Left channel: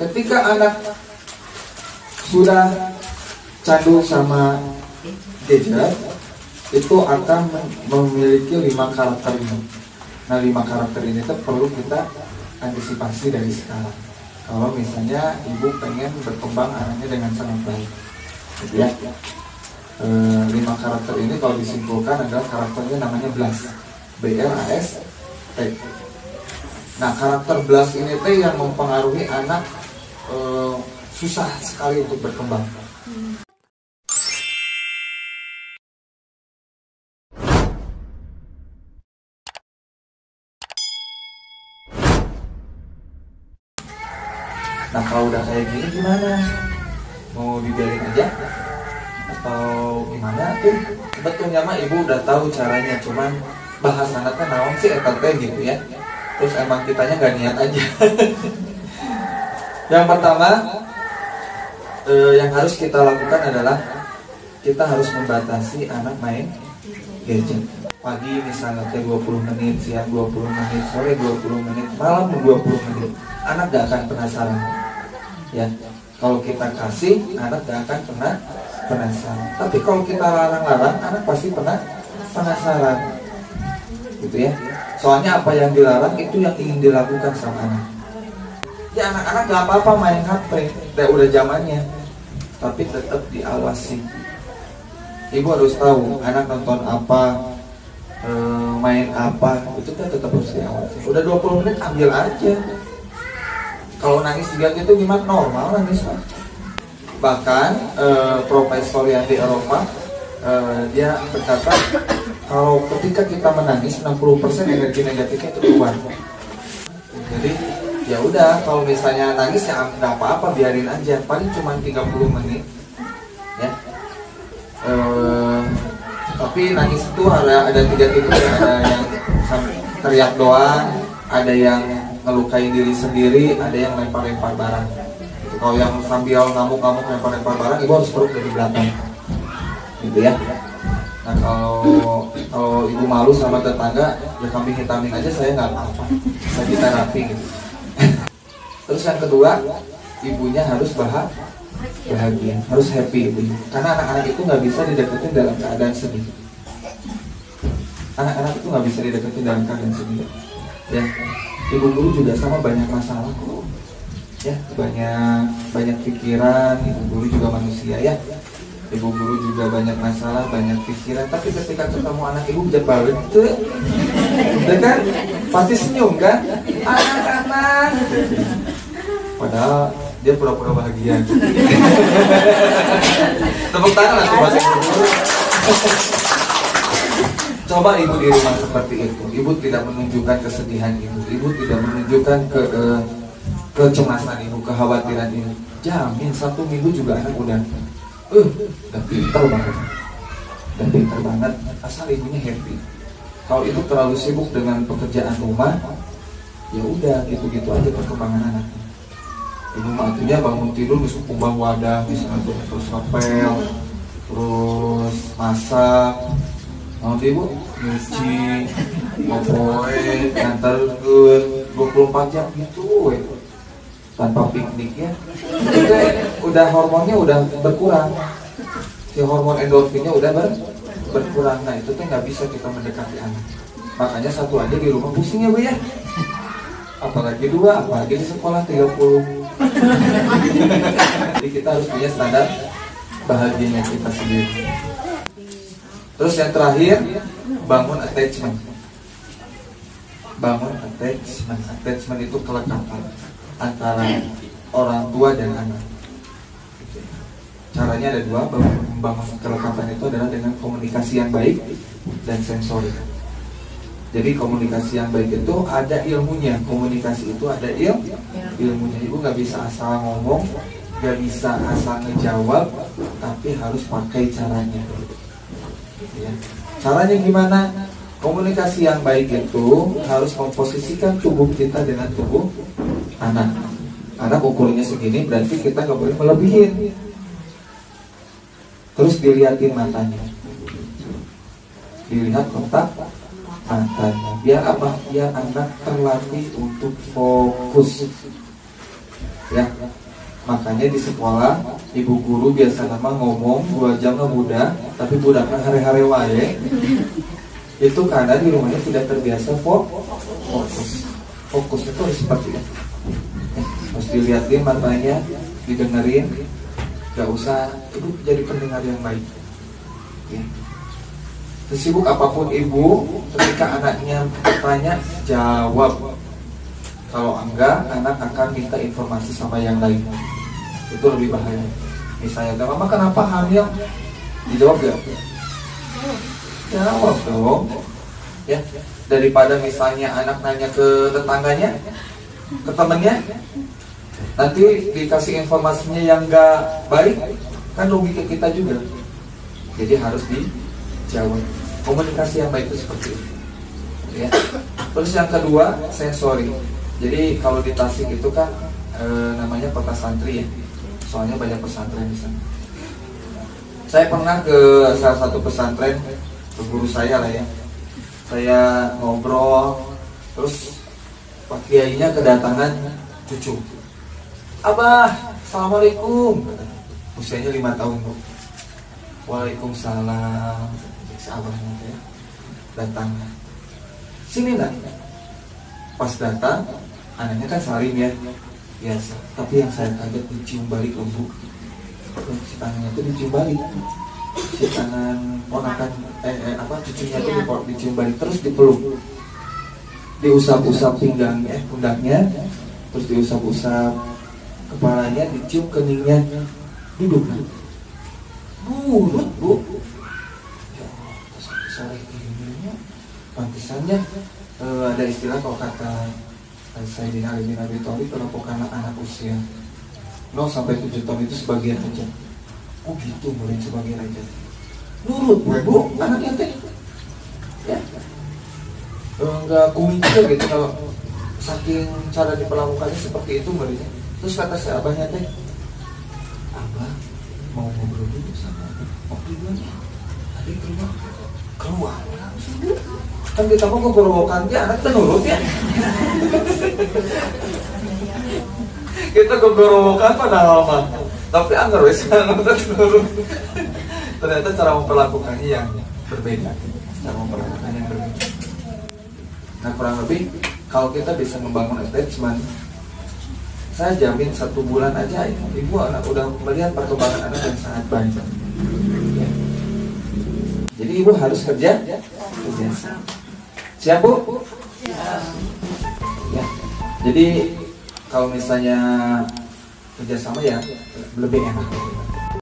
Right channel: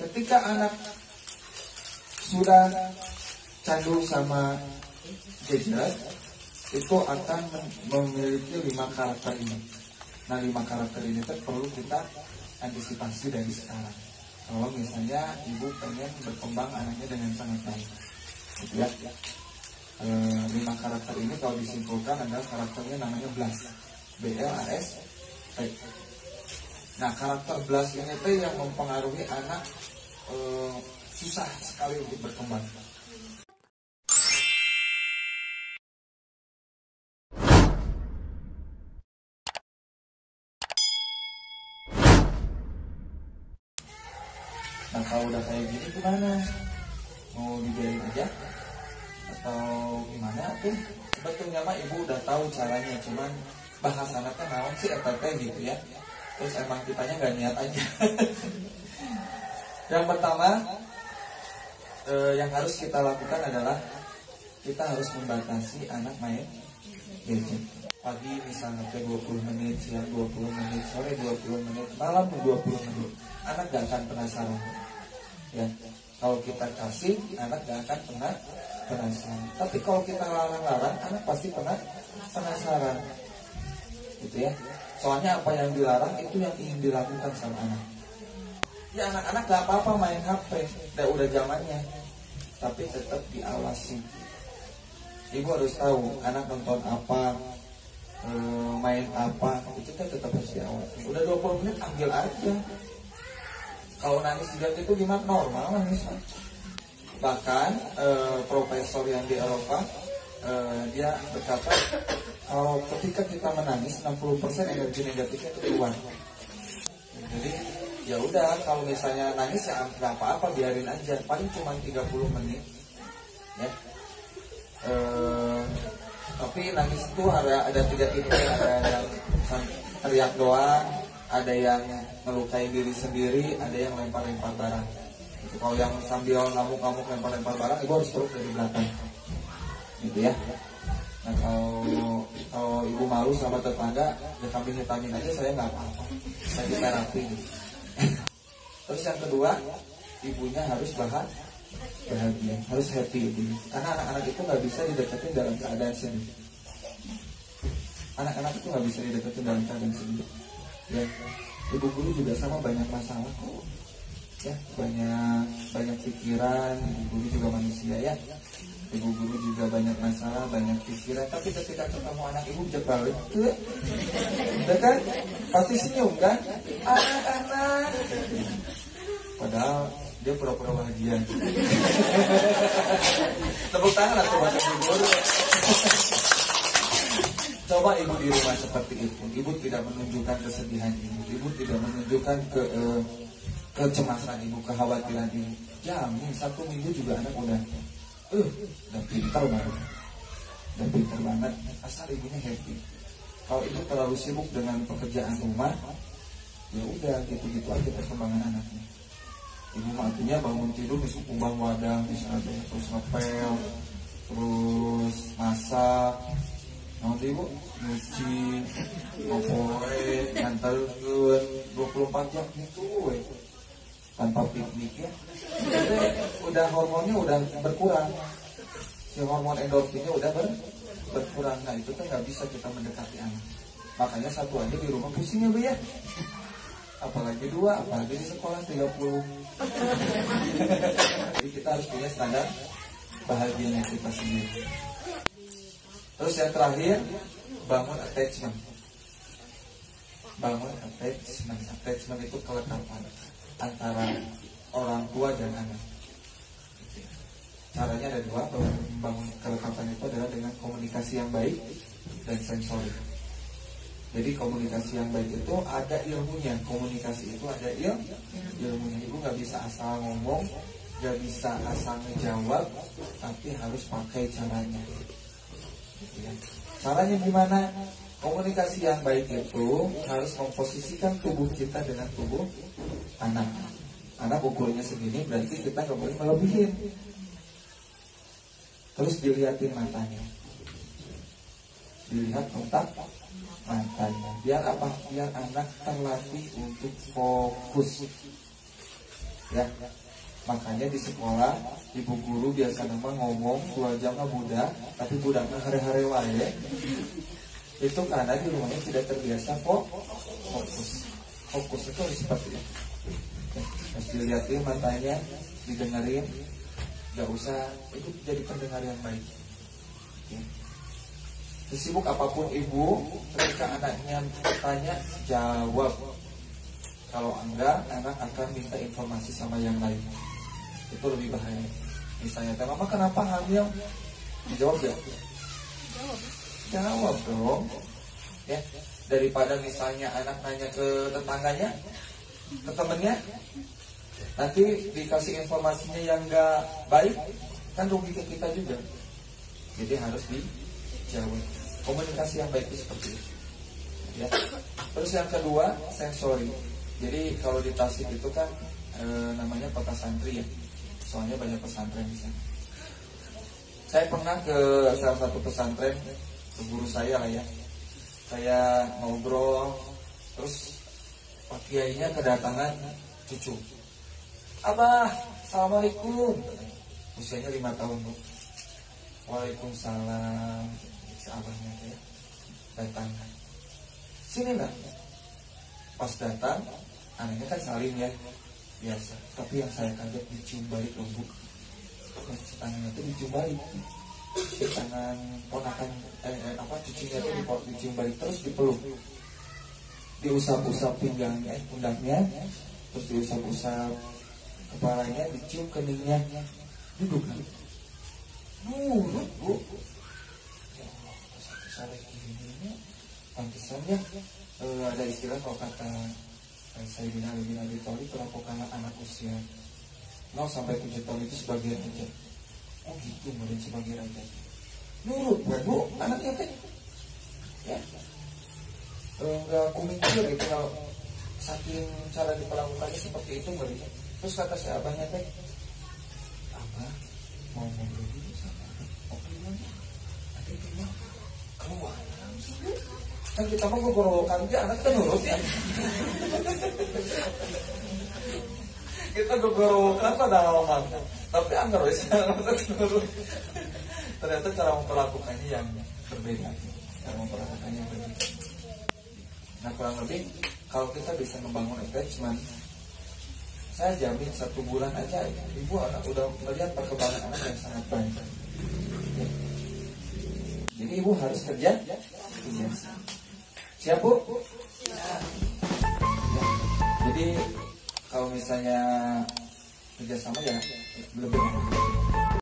Ketika anak sudah candu sama gadget, itu akan memiliki 5 karakter ini. Nah, 5 karakter ini tuh perlu kita antisipasi dari sekarang. Kalau misalnya ibu pengen berkembang anaknya dengan sangat baik, gitu ya. 5 karakter ini kalau disimpulkan adalah karakternya namanya BLAS, B-L-A-S-T. Nah, karakter BLAS ini teh yang mempengaruhi anak susah sekali untuk berkembang. Nah, kalau udah kayak gini gimana? Mau dibiarin aja? Atau gimana tuh? Sebetulnya mah ibu udah tahu caranya, cuman bahasannya teh naon sih eta teh gitu ya. Terus emang kitanya gak niat aja. Yang pertama yang harus kita lakukan adalah kita harus membatasi anak main gadget. Pagi misalnya 20 menit, siang 20 menit, sore 20 menit, malam 20 menit. Anak gak akan penasaran. Ya, kalau kita kasih, anak gak akan penasaran. Tapi kalau kita larang-larang, anak pasti penasaran. Gitu ya. Soalnya apa yang dilarang itu yang ingin dilakukan sama anak. Ya, anak-anak gak apa-apa main HP, udah zamannya. Tapi tetap diawasi. Ibu harus tahu anak nonton apa, main apa, itu kan tetap harus diawasi. Udah 20 menit ambil aja. Kalau nangis juga gitu gimana? Normal nangis. Bahkan profesor yang di Eropa dia berkata kalau ketika kita menangis 60% energi negatifnya itu keluar. Jadi ya udah, kalau misalnya nangis ya nggak apa-apa, biarin aja, paling cuma 30 menit ya. Tapi nangis itu ada 3 tipe, ada yang teriak doang, ada yang ngelukain diri sendiri, ada yang lempar-lempar barang. Kalau yang sambil ngamuk-ngamuk lempar-lempar barang, ibu harus peluk dari belakang, gitu ya. Nah, kalau ibu malu sama tetangga, ya kambing hitamin aja, saya nggak apa-apa, saya di terapi gitu. Terus yang kedua, ibunya harus bahagia, harus happy ibunya. Karena anak-anak itu nggak bisa dideketin dalam keadaan sedih. Anak-anak itu nggak bisa dideketin dalam keadaan sedih. Ya, ibu guru juga sama, banyak masalah kok. Ya, banyak pikiran. Ibu guru juga manusia ya. Ibu guru juga banyak masalah, banyak pikiran. Tapi ketika ketemu anak ibu bisa balik gitu ya. Udah kan? Pasti senyum kan? Anak-anak. Padahal dia pura-pura bahagia. Tepuk tangan lah buat ibu guru. Coba ibu di rumah seperti itu. Ibu tidak menunjukkan kesedihan ibu. Ibu tidak menunjukkan kecemasan ibu, kekhawatiran ibu. Jamin 1 minggu juga anak udah pintar banget. Udah pintar banget. Asal ibunya happy. Kalau ibu terlalu sibuk dengan pekerjaan rumah, ya udah gitu-gitu aja perkembangan anaknya. Ibu matinya bangun tidur bisa kumbang wadah, bisa terus ngepel, terus masak. Nanti ibu nyuci, ngopoe, nganterin 24 jam gitu, tanpa piknik ya. Itu udah hormonnya udah berkurang, si hormon endorfinnya udah berkurang. Nah itu kan nggak bisa kita mendekati anak. Makanya 1 aja di rumah pusing ya bu ya. Apalagi 2, apalagi di sekolah 30. Jadi kita harus punya standar bahagianya kita sendiri. Terus yang terakhir, bangun attachment. Bangun attachment. Attachment itu kelekatan antara orang tua dan anak. Caranya ada 2. Membangun kelekatan itu adalah dengan komunikasi yang baik dan sensori. Jadi komunikasi yang baik itu ada ilmunya. Komunikasi itu ada ilmunya. Ibu nggak bisa asal ngomong, nggak bisa asal ngejawab, tapi harus pakai caranya. Ya. Caranya gimana? Komunikasi yang baik itu harus memposisikan tubuh kita dengan tubuh anak. Anak ukurnya segini, berarti kita nggak boleh melebihin. Terus dilihatin matanya, dilihat kontak matanya. Biar apa? Biar anak terlatih untuk fokus. ya. Makanya di sekolah ibu guru biasa nama ngomong 2 jam lah muda, tapi budaknya hari-hari wae. Itu karena di rumahnya tidak terbiasa fokus. Fokus itu harus seperti itu. Harus dilihatin matanya, didengerin, gak usah itu jadi pendengar yang baik. Ya. Sesibuk apapun ibu, ketika anaknya bertanya, jawab. Kalau enggak, anak akan minta informasi sama yang lain. Itu lebih bahaya. Misalnya, mama kenapa hamil? Dijawab gak? Jawab dong. Ya, daripada misalnya anak nanya ke tetangganya, ke temennya, nanti dikasih informasinya yang gak baik, kan logika kita juga. Jadi harus dijawab. Komunikasi yang baik itu seperti itu. Ya. Terus yang kedua, sensori. Jadi kalau di Tasik itu kan namanya kota santri ya. Soalnya banyak pesantren di sana. Saya pernah ke salah satu pesantren, ke guru saya lah ya. Saya ngobrol, terus Pak Kiainya kedatangan cucu. Abah, assalamualaikum. Usianya 5 tahun bu. Waalaikumsalam. Si abahnya ya datang. Sini nak. Pas datang, anaknya kan salim ya, biasa. Tapi yang saya kaget dicium balik bu. Si tangannya itu dicium balik. Si tangan ponakan cucunya itu dicium balik terus dipeluk. Diusap-usap pundaknya, terus diusap-usap kepalanya, dicium keningnya, duduk. Nurut bu. Sore ini pantesannya ada istilah kalau kata Sayyidina Ali bin Abi Thalib, perampokan anak usia 0 sampai 7 tahun itu sebagian aja. Oh gitu, boleh sebagian aja. Nurut bu, anaknya teh ya enggak kuing juga gitu kalau saking cara diperlakukannya seperti itu muridnya. Terus kata si abahnya teh, abah mau ngobrol dulu sama di mana? Tadi keluar langsung. Kan kita mau kegorowokan dia, anak kita nurut ya. Kita kegorowokan padahal mah, tapi anggar wes nurut. Ternyata cara memperlakukannya yang berbeda. Cara memperlakukannya yang berbeda. Nah kurang lebih kalau kita bisa membangun attachment, saya jamin 1 bulan aja ibu anak udah melihat perkembangan anak yang sangat baik. Ya. Jadi ibu harus kerja. Siap bu? Ya. Jadi kalau misalnya kerjasama ya lebih enak.